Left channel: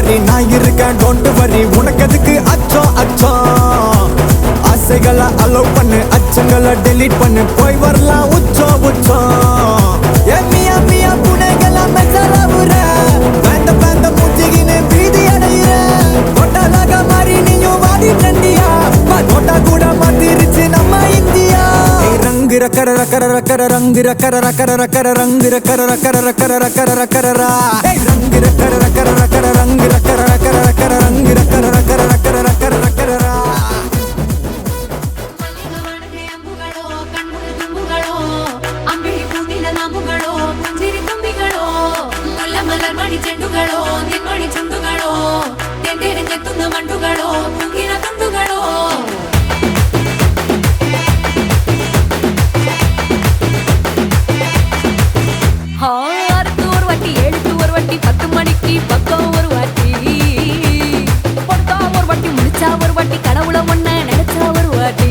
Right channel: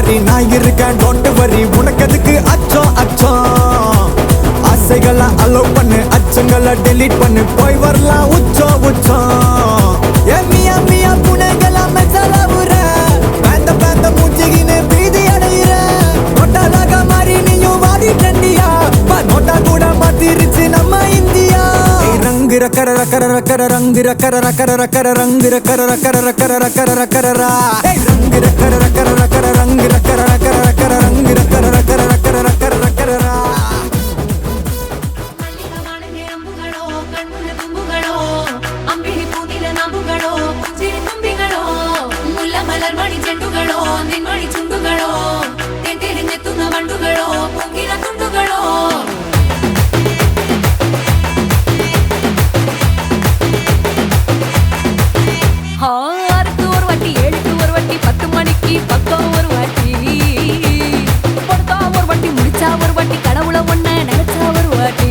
மாதிரி நான் இருக்கேன் டோன்ட் வரி உனக்கு எதுக்கு அச்சம் அச்சம் ஆசைகளை அலோவ் பண்ணு அச்சங்களை டெலீட் பண்ணு போய் வரலாம் உச்சம் உச்சம் மியா மியா புனைகளா மெச்சலாவுற பேந்த பேந்த மூச்சிகின்னு பீதி அடையிற நோட்டாலாக மாறி நீயும் வாடி டண்டியா நோட்டா கூட மாத்திருச்சு நம்ம இந்தியா ரங்கு ரக்கர ரக்கர ரக்கர ரங்கு ரக்கர ரக்கர ரக்கர ரங்கு ரக்கர ரக்கர ரக்கர ரக்கர ரக்கரா ரங்கு ரக்கர ரக்கர ரக்கர ரங்கு ரக்கர ரக்கர ரக்கர ரங்கு ரக்கர ரக்கர ரக்கர ரக்கர ரக்கரா ஆறுக்கு ஒரு வாட்டி 7க்கு ஒரு வாட்டி 10 மணிக்கு பக்கம் ஒரு வாட்டி பொடுத்தா ஒரு வாட்டி முடிச்சா ஒரு வாட்டி கடவுளை ஒன்ன நினைச்சா ஒரு வாட்டி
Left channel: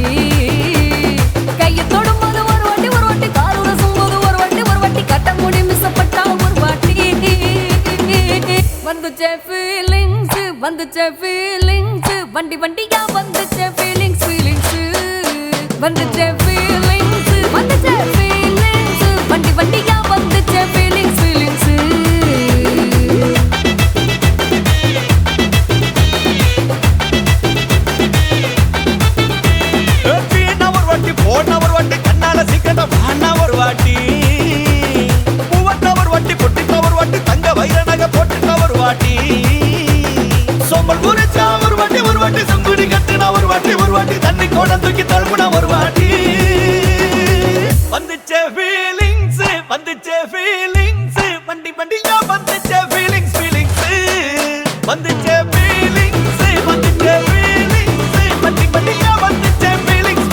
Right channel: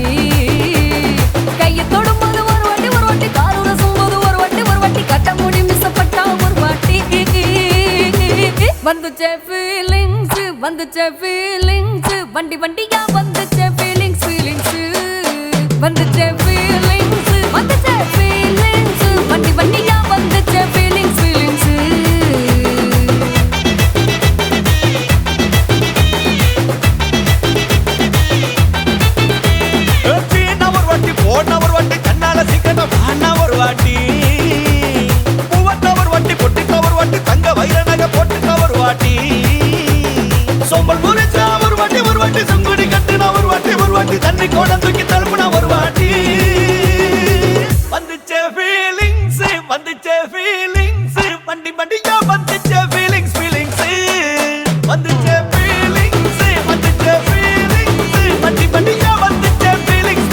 கையை தொடும்போது ஒரு வாட்டி காலூர சும்போது ஒரு வாட்டி கட்ட முடி மிஸ்ஸப்பட்டா ஒரு வாட்டி வந்துச்சே ஃபீலிங்ஸ் வண்டி வண்டியா வந்துச்சே ஃபீலிங்ஸ் வந்துச்சே ஃபீலிங்ஸ் வண்டி வண்டியா வந்துச்சே ஃபீலிங்ஸ் போன ஒரு வாட்டி கண்ணால சீக்கிரமா வானா ஒரு வாட்டி பூவட்ட ஒரு வாட்டி பொட்டிட்ட ஒரு வாட்டி தங்க வைர நகை போட்டுட்ட ஒரு வாட்டி சோம்பல் முறைச்சா ஒரு வாட்டி சங்குடி கட்டினா ஒரு வாட்டி தண்ணி கோட தூக்கி தழுப்புனா ஒரு வாட்டி வந்துச்சே ஃபீலிங்ஸ் வண்டி வண்டியா வந்துச்சே ஃபீலிங்ஸ் வந்துச்சே ஃபீலிங்ஸ் வண்டி வண்டியா வந்துச்சே ஃபீலிங்ஸ்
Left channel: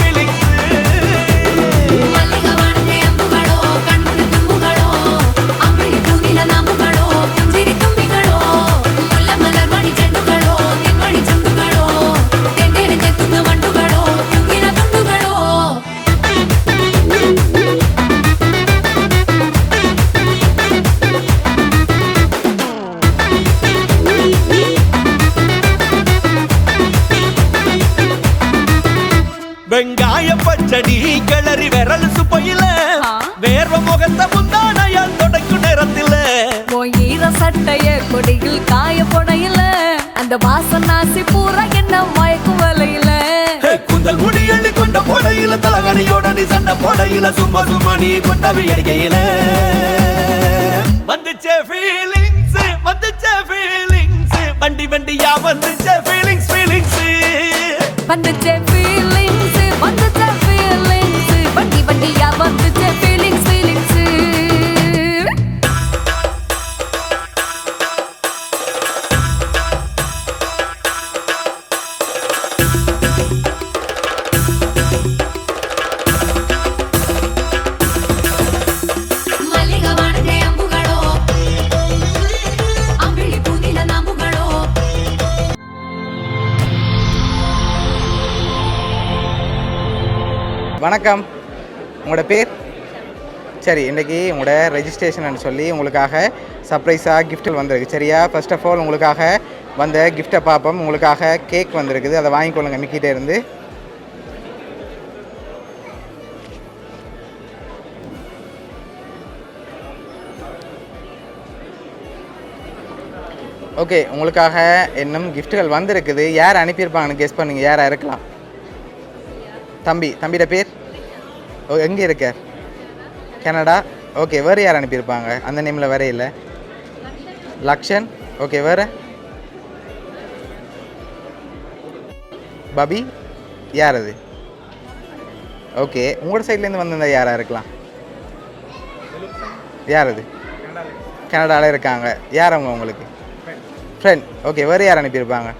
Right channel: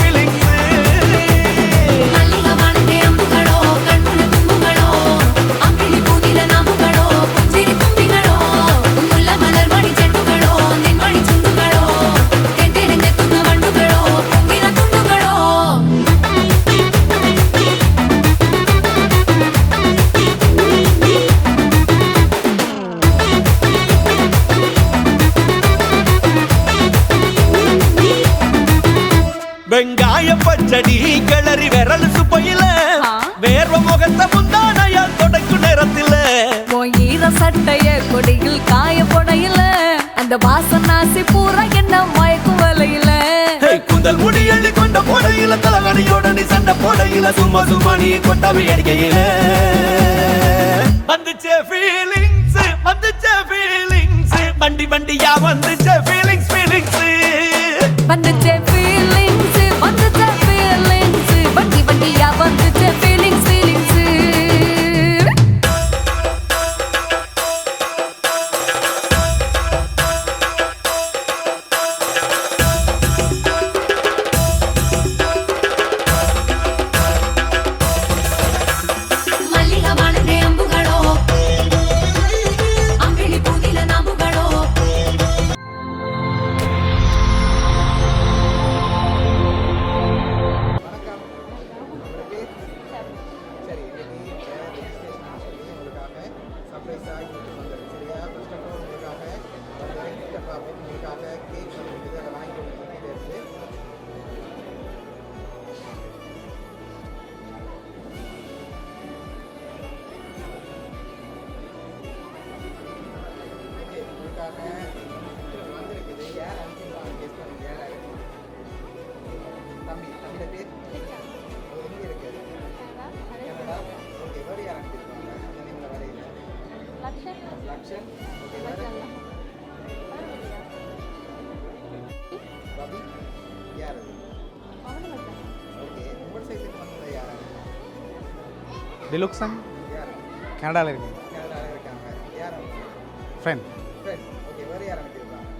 வெங்காய பச்சடி கிளறி விரல் சுப்பையில வேர்வ முகத்தை முந்தானையால் தொடக்கும் நேரத்தில் ஈர சட்டைய கொடியில் காய பொடையில அந்த வாசனாசி பூரா என்ன மயக்கும் வலையில குந்தல் முடி அள்ளி கொண்ட பொடையில தலகடியோட நீ சண்ட பொடையில சும்மா நீ கொண்டவி எரிக்கையில வந்துச்சே ஃபீலிங்ஸ் வண்டி வண்டியா வந்துச்சே ஃபீலிங்ஸ் வந்துச்சே ஃபீலிங்ஸ் வண்டி வண்டியா வந்துச்சே ஃபீலிங்ஸ் வணக்கம், உங்களோட பேர்? சரி, இன்றைக்கி உங்களோட ரெஜிஸ்ட்ரேஷன் சொல்லி உங்களுக்காக சர்ப்ரைஸாக கிஃப்ட் வந்திருக்கு. சரியா? ஃபர்ஸ்ட் ஆஃப் ஆல் உங்களுக்காக வந்த கிஃப்ட்டை பார்ப்போம். உங்களுக்காக கேக் வந்திருக்குது, அதை வாங்கிக்கொள்ளுங்க மிக்கிட்டே இருந்து. ஓகே, உங்களுக்காக இன்னும் கிஃப்ட்டுகள் வந்திருக்குது. யார் அனுப்பியிருப்பாங்கன்னு கெஸ் பண்ணுங்க. யாராக இருக்கலாம்? தம்பியோட பேர்? ஓ, எங்கே இருக்கார்? கனடா. ஓகே, வேறு யார் அனுப்பியிருப்பாங்க? அந்த நேமில் வேற இல்லை. லக்ஷன். ஓகே, வேறு? பபி. யார் அது? ஓகே, உங்களோட சைட்லேருந்து வந்திருந்தா யாராக இருக்கலாம்? யார் அது? கனடாவில் இருக்காங்க. யார் அவங்க உங்களுக்கு? ஃப்ரெண்ட். ஓகே, வேறு யார் அனுப்பியிருப்பாங்க?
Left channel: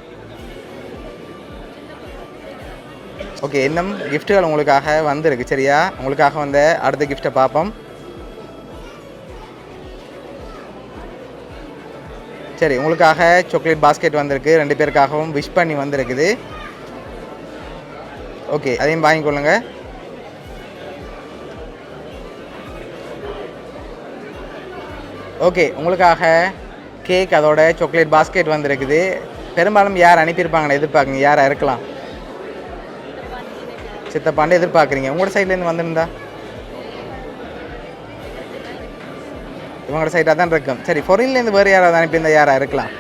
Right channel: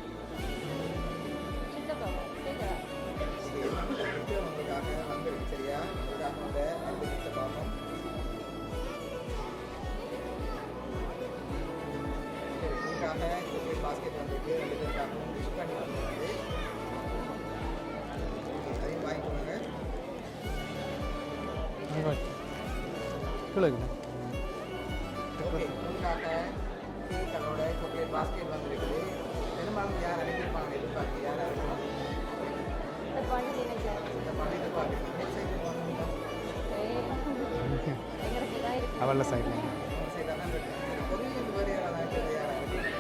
ஓகே, இன்னும் கிஃப்ட்டுகள் உங்களுக்காக வந்திருக்கு. சரியா? உங்களுக்காக வந்த அடுத்த கிஃப்ட்டை பார்ப்போம். சரி, உங்களுக்காக சாக்லேட் பாஸ்கெட் வந்திருக்கு. 2 பேருக்காகவும் விஷ் பண்ணி வந்திருக்குது. ஓகே, அதையும் வாங்கிக்கொள்ளுங்க. ஓகே, உங்களுக்காக கேக் அதோட சாக்லேட் பாஸ்கெட் வந்திருக்குது. பெரும்பாலும் யார் அனுப்பியிருப்பாங்கன்னு எதிர்பார்க்குங்க? யாராக இருக்கலாம்? சித்தப்பாண்டு எதிர்பார்க்குறீங்க. உங்களோட சைட்லேருந்து வந்திருந்தா இவங்களோட சைடாக தான் இருக்கும். சரி, ஃபொரின்லேருந்து வேறு யாராவது அனுப்பியிருந்தா யாராக இருக்கலாம்?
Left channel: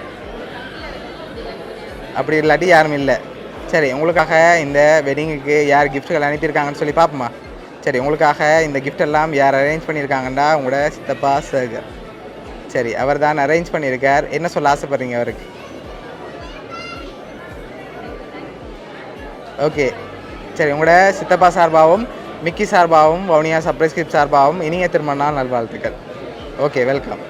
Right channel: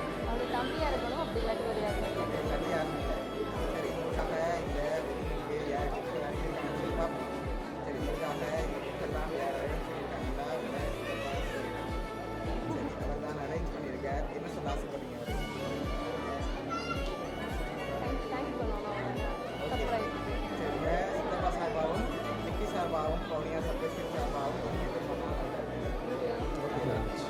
அப்படி இல்லாட்டி யாரும் இல்லை. சரி, உங்களுக்காக இந்த வெட்டிங்குக்கு யார் கிஃப்ட்டுகள் அனுப்பியிருக்காங்கன்னு சொல்லி பார்ப்போமா? சரி, உங்களுக்காக இந்த gift எல்லாம் யார் அரேஞ்ச் பண்ணியிருக்காங்கண்டா உங்களோட சித்தப்பா சேகர். சரி, அவர் தான் அரேஞ்ச் பண்ணியிருக்கார். என்ன சொல்ல ஆசைப்படுறீங்க அவருக்கு? ஓகே, சரி, உங்களோட சித்தப்பா சார்பாகவும் மிக்கி சார்பாகவும் வவுனியா சர்ப்ரைஸ் கிஃப்ட் சார்பாகவும் இனிய திருமண நாள் நல்வாழ்த்துக்கள். Okay, welcome.